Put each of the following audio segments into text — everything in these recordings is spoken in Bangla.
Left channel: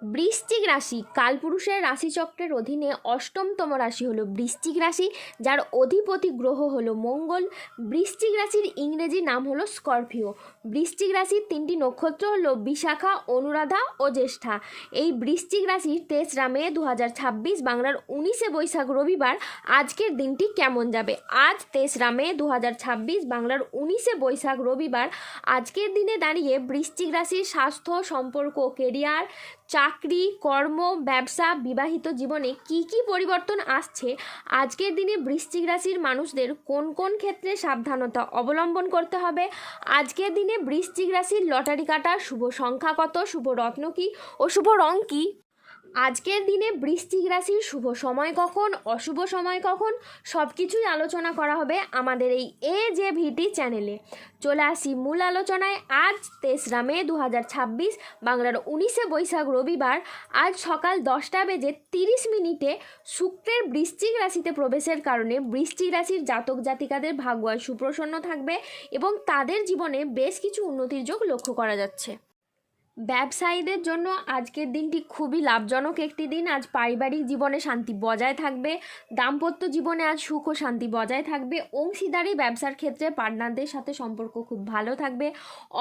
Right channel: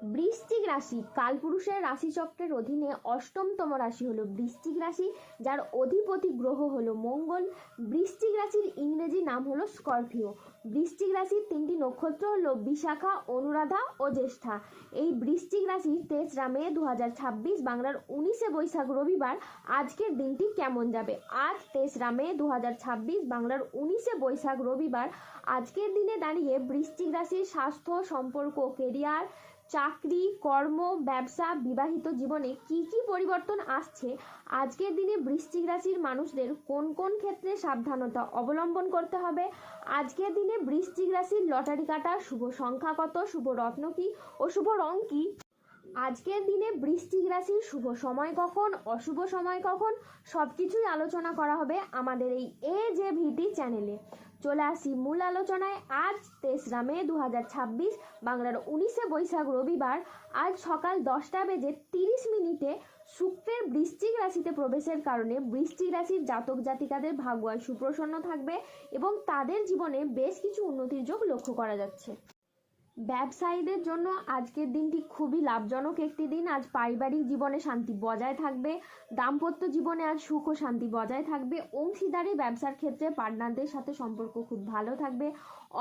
বৃশ্চিক রাশি কালপুরুষের রাশিচক্রের অধীনে অষ্টমতম রাশি হলো বৃশ্চিক রাশি, যার অধিপতি গ্রহ হলো মঙ্গল। বৃশ্চিক রাশির ইংরেজি নাম হলো স্করপিও। বৃশ্চিক রাশির তিনটি নক্ষত্র হলো বিশাখা, অনুরাধা ও জ্যেষ্ঠা। এই বৃশ্চিক রাশির 3রা মে 2026 বাংলার 19শে বৈশাখ রবিবার আজকের দিনটি কেমন যাবে। আজ 3রা মে 2026 বাংলার 19শে বৈশাখ রবিবার আজকের দিনে দাঁড়িয়ে বৃশ্চিক রাশির স্বাস্থ্য, সম্পর্ক, কেরিয়ার, চাকরি, কর্ম, ব্যবসা, বিবাহিত জীবনে কি কি পরিবর্তন আসছে, আজকের দিনে বৃশ্চিক রাশির মানুষদের কোন কোন ক্ষেত্রে সাবধানতা অবলম্বন করতে হবে, আজকের দিনে বৃশ্চিক রাশির লটারি কাটা শুভ সংখ্যা কত, শুভ রত্ন কি ও শুভ রং কি, আজকের দিনে বৃশ্চিক রাশির শুভ সময় কখন, অশুভ সময় কখন, সব কিছুই আলোচনা করা হবে আমাদের এই AJVT চ্যানেলে। চলে আসি মূল আলোচনায়। আজ 3রা মে 2026 বাংলার 19শে বৈশাখ রবিবার আজ সকাল 10:30 শুক্রের বৃশ্চিক রাশিতে প্রবেশের কারণে বৃশ্চিক রাশির জাতক জাতিকাদের ভাগ্য আজ সুপ্রসন্ন থাকবে এবং তাদের জীবনে বেশ কিছু উন্নতির যোগ লক্ষ্য করা যাচ্ছে। ব্যবসায়ীদের জন্য আজকের দিনটি খুবই লাভজনক একটি দিন। আজ পারিবারিক জীবনে শান্তি বজায় থাকবে, দাম্পত্য জীবনে আজ সুখ ও শান্তি বজায় থাকবে, অংশীদারি ব্যবসার ক্ষেত্রে পার্টনারদের সাথে সম্পর্ক খুব ভালো থাকবে,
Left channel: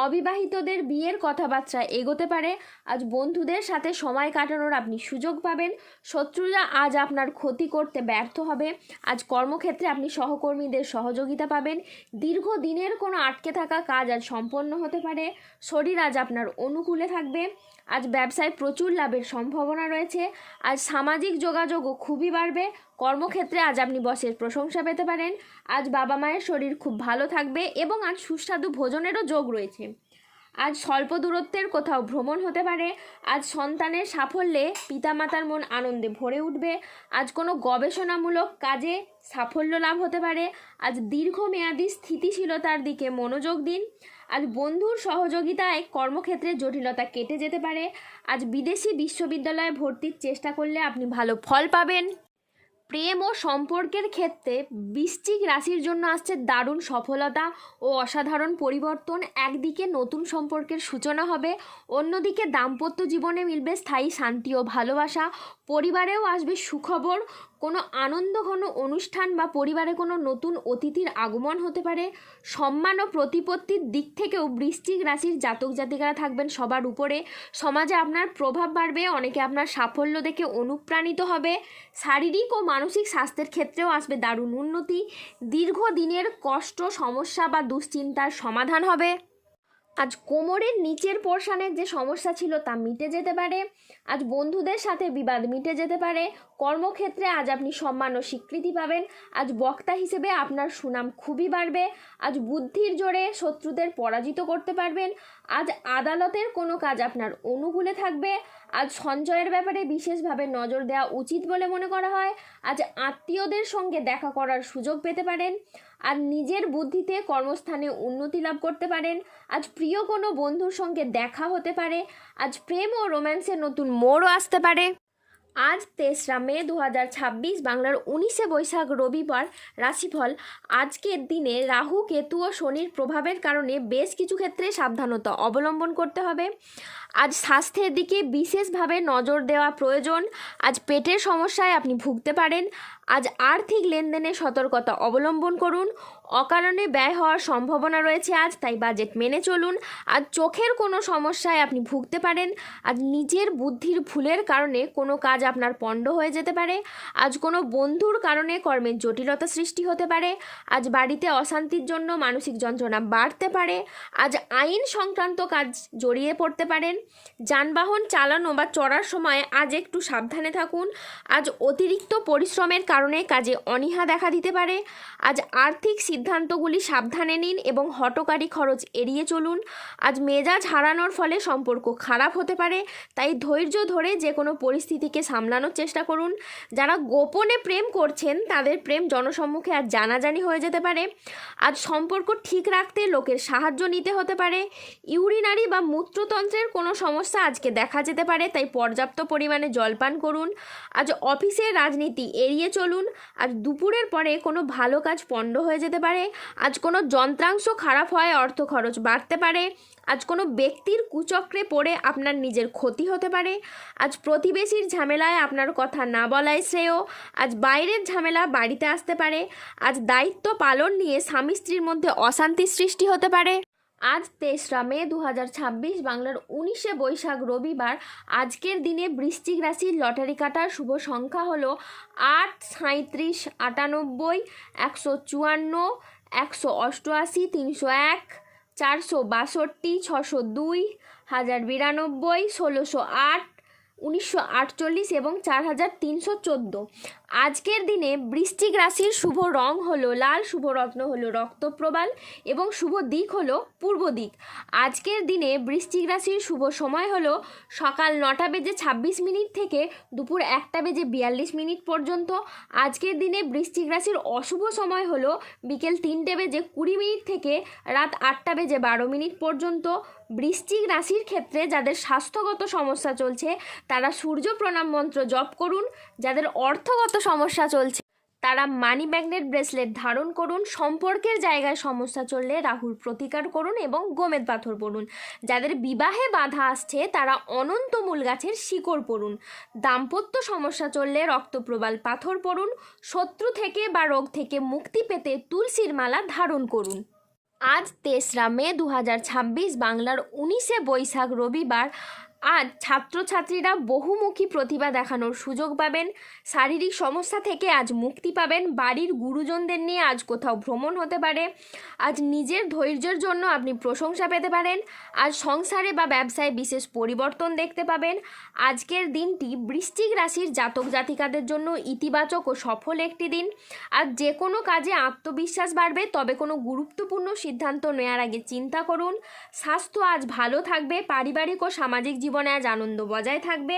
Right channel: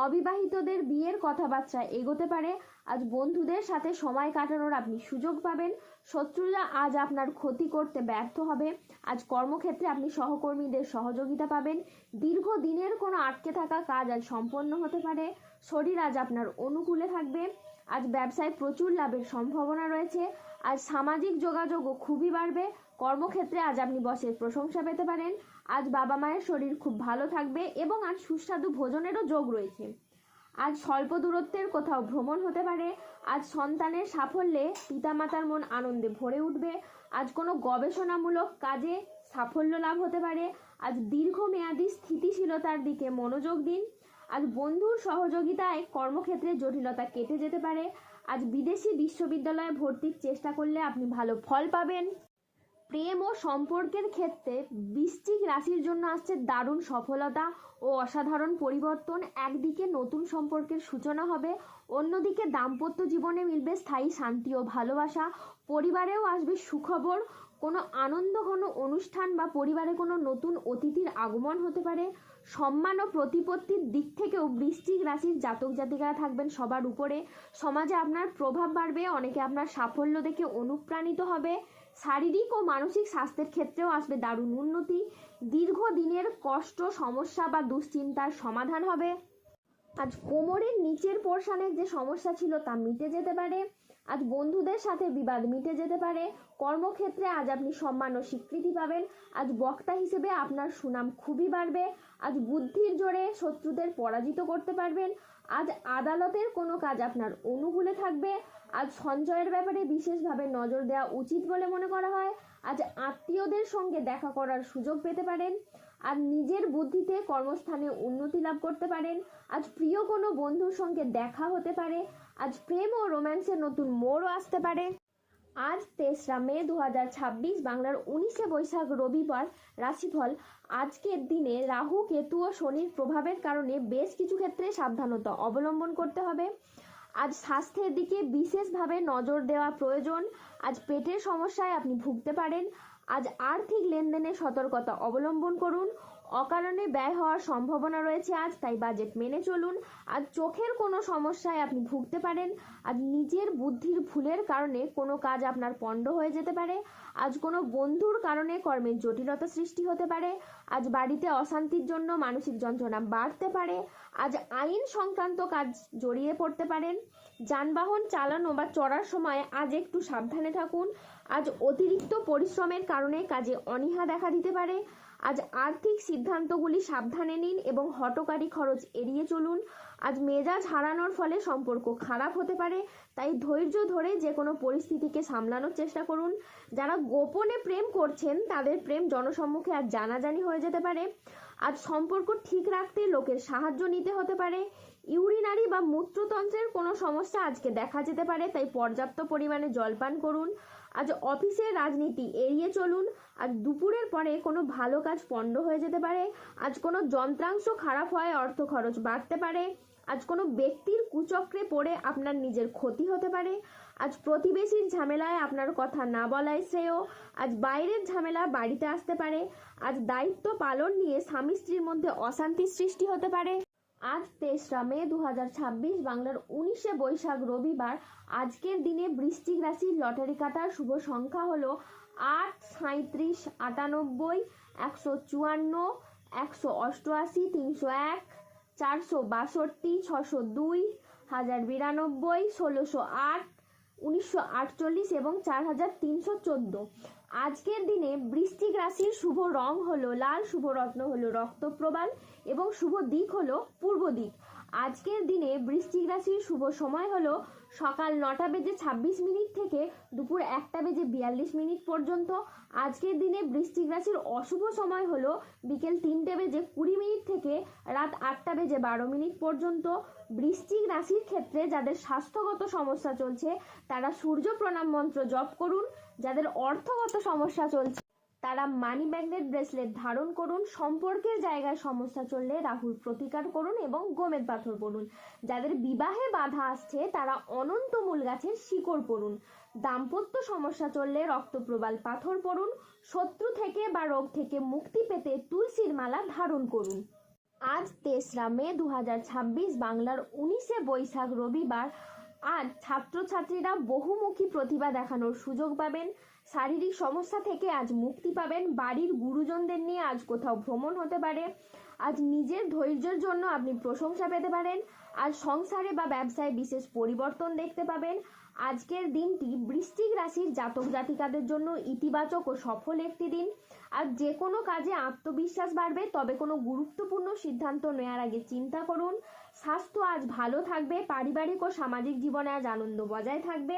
অবিবাহিতদের বিয়ের কথাবার্তা এগোতে পারে, আজ বন্ধুদের সাথে সময় কাটানোর আপনি সুযোগ পাবেন, শত্রুরা আজ আপনার ক্ষতি করতে ব্যর্থ হবে, আজ কর্মক্ষেত্রে আপনি সহকর্মীদের সহযোগিতা পাবেন, দীর্ঘদিনের কোনো আটকে থাকা কাজ আজ সম্পন্ন হতে পারে, শরীর আজ আপনার অনুকূলে থাকবে, আজ ব্যবসায় প্রচুর লাভের সম্ভাবনা রয়েছে, আজ সামাজিক যোগাযোগও খুবই বাড়বে, কর্মক্ষেত্রে আজ আপনি বসের প্রশংসা পেতে পারেন, আজ বাবা মায়ের শরীর খুব ভালো থাকবে এবং আজ সুস্বাদু ভোজনেরও যোগ রয়েছে, আজ স্বল্প দূরত্বের কোথাও ভ্রমণ হতে পারে, আজ সন্তানের সাফল্যে পিতামাতার মন আনন্দে ভরে উঠবে, আজ কোনো গবেষণামূলক কাজে সাফল্য লাভ হতে পারে, আজ দীর্ঘমেয়াদী স্থিতিশীলতার দিকে মনোযোগ দিন, আজ বন্ধুর সহযোগিতায় কর্মক্ষেত্রে জটিলতা কেটে যেতে পারে, আজ বিদেশি বিশ্ববিদ্যালয়ে ভর্তির চেষ্টা করলে আপনি ভালো ফল পাবেন। প্রেম ও সম্পর্কের ক্ষেত্রে বৃশ্চিক রাশির জন্য আসছে দারুণ সফলতা ও অসাধারণ পরিবর্তন। একদিকে নতুন সম্পর্কের সূচনা হবে, অন্যদিকে দাম্পত্য জীবনে মিলবে স্থায়ী শান্তি ও ভালোবাসা, পরিবারেও আসবে সুখবর, কোনো আনন্দঘন অনুষ্ঠান বা পরিবারে কোনো নতুন অতিথির আগমন হতে পারে, সম্মান ও প্রতিপত্তির দিক থেকেও বৃশ্চিক রাশির জাতক জাতিকারা থাকবেন সবার উপরে, সমাজে আপনার প্রভাব বাড়বে, অনেকে আপনার সাফল্য দেখে অনুপ্রাণিত হবে, শারীরিক ও মানসিক স্বাস্থ্যের ক্ষেত্রেও আসবে দারুণ উন্নতি, দীর্ঘদিনের কষ্ট, সমস্যা বা দুশ্চিন্তার সমাধান হবে, আজ কোমরের নিচের পোর্শনের যে সমস্যা ছিল তা মিটে যেতে পারে, আজ বন্ধুদের সাথে বিবাদ মিটে যেতে পারে, কর্মক্ষেত্রে আজ আপনি সম্মান ও স্বীকৃতি পাবেন, আজ বক্তা হিসেবে আপনার সুনাম খুবই বাড়বে, আজ বুদ্ধির জোরে শত্রুদের পরাজিত করতে পারবেন, আজ আদালতের কোনো কাজ আপনার অনুকূলে থাকবে, আজ সঞ্চয়ের ব্যাপারে বিশেষভাবে নজর দেওয়া উচিত বলে মনে করা হয়, আজ আত্মীয়দের সঙ্গে দেখা করার সুযোগ পেতে পারেন, আর নিজের বুদ্ধিতে কর্মস্থানে উন্নতি লাভ করতে পারেন, আজ প্রিয় কোনো বন্ধুর সঙ্গে দেখা হতে পারে, আজ প্রেম ও রোম্যান্সের নতুন মোড়ও আসতে পারে। আজ 3রা মে 2026 বাংলার 19শে বৈশাখ রবিবার রাশিফল। আজকের দিনে রাহু, কেতু ও শনির প্রভাবের কারণে বেশ কিছু ক্ষেত্রে সাবধানতা অবলম্বন করতে হবে। আজ স্বাস্থ্যের দিকে বিশেষভাবে নজর দেওয়া প্রয়োজন। আজ পেটের সমস্যায় আপনি ভুগতে পারেন। আজ আর্থিক লেনদেনে সতর্কতা অবলম্বন করুন। অকারণে ব্যয় হওয়ার সম্ভাবনা রয়েছে আজ, তাই বাজেট মেনে চলুন। আজ চোখের কোনো সমস্যায় আপনি ভুগতে পারেন। আজ নিজের বুদ্ধির ভুলের কারণে কোনো কাজ আপনার পণ্ড হয়ে যেতে পারে। আজ কোনো বন্ধুর কারণে কর্মের জটিলতা সৃষ্টি হতে পারে। আজ বাড়িতে অশান্তির জন্য মানসিক যন্ত্রণা বাড়তে পারে। আজ আইন সংক্রান্ত কাজ জড়িয়ে পড়তে পারেন। যানবাহন চালানো বা চড়ার সময় আজ একটু সাবধানে থাকুন। আজ অতিরিক্ত পরিশ্রমের কারণে কাজে অনীহা দেখা দিতে পারে। আজ আর্থিক সিদ্ধান্তগুলি সাবধানে নিন এবং হঠকারী খরচ এড়িয়ে চলুন। আজ মেজাজ হারানোর ফলে সম্পর্ক খারাপ হতে পারে, তাই ধৈর্য ধরে যে কোনো পরিস্থিতিকে সামলানোর চেষ্টা করুন। যারা গোপনে প্রেম করছেন তাদের প্রেম জনসম্মুখে আজ জানাজানি হয়ে যেতে পারে। আজ সম্পর্ক ঠিক রাখতে লোকের সাহায্য নিতে হতে পারে। ইউরিনারি বা মূত্রতন্ত্রের কোনো সমস্যা আজকে দেখা যেতে পারে, তাই পর্যাপ্ত পরিমাণে জলপান করুন। আজ অফিসের রাজনীতি এড়িয়ে চলুন। আজ দুপুরের পরে কোনো ভালো কাজ পণ্ড হয়ে যেতে পারে। পারে। আজ কোনো যন্ত্রাংশ খারাপ হয় অর্থ খরচ বাড়তে পারে। আজ কোনো ব্যক্তির কুচক্রে পড়ে আপনার নিজের ক্ষতি হতে পারে। আজ প্রতিবেশীর ঝামেলায় আপনার কথা না বলাই শ্রেয়। আজ বাইরের ঝামেলা বাড়িতে আসতে পারে। আজ দায়িত্ব পালন নিয়ে স্বামী স্ত্রীর মধ্যে অশান্তির সৃষ্টি হতে পারে। আজ 23 মে 2026 বাংলার 19শে বৈশাখ রবিবার। আজকের দিনে বৃশ্চিক রাশির লটারি কাটার শুভ সংখ্যা হলো 8, 37, 98, 154, 188, 301, 462, 602, 1092, 1608, 1948 এবং 4314। আজকের দিনে বৃশ্চিক রাশির শুভ রং হলো লাল, শুভ রত্ন হলো রক্তপ্রবাল এবং শুভ দিক হলো পূর্ব দিক। আজকের দিনে বৃশ্চিক রাশির শুভ সময় হলো সকাল 9:26 থেকে দুপুর 1:42 পর্যন্ত। আজকের দিনে বৃশ্চিক রাশির অশুভ সময় হলো বিকেল 3:20 থেকে রাত 8:12 পর্যন্ত। বৃশ্চিক রাশির ক্ষেত্রে যাদের স্বাস্থ্যগত সমস্যা চলছে তারা সূর্য প্রণাম মন্ত্র জপ করুন। যাদের অর্থগত সমস্যা চলছে তারা মানি ম্যাগনেট ব্রেসলেট ধারণ করুন। সম্পর্কের জায়গায় সমস্যা চললে রাহুর প্রতিকার করুন এবং গোমেদ পাথর পড়ুন। যাদের বিবাহে বাধা আসছে তারা অনন্ত মূল গাছের শিকড় পড়ুন। দাম্পত্য সমস্যা চললে রক্তপ্রবাল পাথর পড়ুন। শত্রু থেকে বা রোগ থেকে মুক্তি পেতে তুলসীর মালা ধারণ করুন। আজ 23 মে 2026 বাংলার 19শে বৈশাখ রবিবার। আজ ছাত্রছাত্রীরা বহুমুখী প্রতিভা দেখানোর সুযোগ পাবেন। শারীরিক সমস্যা থেকে আজ মুক্তি পাবেন। বাড়ির গুরুজনদের নিয়ে আজ কোথাও ভ্রমণ হতে পারে। আজ নিজের ধৈর্যের জন্য আপনি প্রশংসা পেতে পারেন। আজ সংসারে বা ব্যবসায় বিশেষ পরিবর্তন দেখতে পাবেন। আজকের দিনটি বৃশ্চিক রাশির জাতক জাতিকাদের জন্য ইতিবাচক ও সফল একটি দিন। আজ যে কোনো কাজে আত্মবিশ্বাস বাড়বে, তবে কোনো গুরুত্বপূর্ণ সিদ্ধান্ত নেওয়ার আগে চিন্তা করুন। স্বাস্থ্য আজ ভালো থাকবে। পারিবারিক ও সামাজিক জীবনে আজ আনন্দ বজায় থাকবে।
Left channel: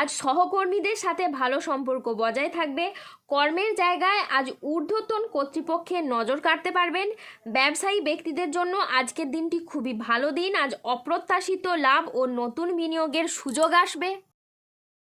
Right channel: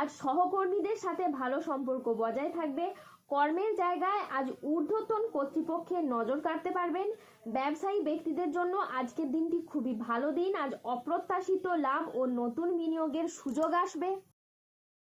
আজ সহকর্মীদের সাথে ভালো সম্পর্ক বজায় থাকবে। কর্মের জায়গায় আজ ঊর্ধ্বতন কর্তৃপক্ষের নজর কাটতে পারবেন। ব্যবসায়ী ব্যক্তিদের জন্য আজকের দিনটি খুবই ভালো দিন। আজ অপ্রত্যাশিত লাভ ও নতুন বিনিয়োগের সুযোগ আসবে।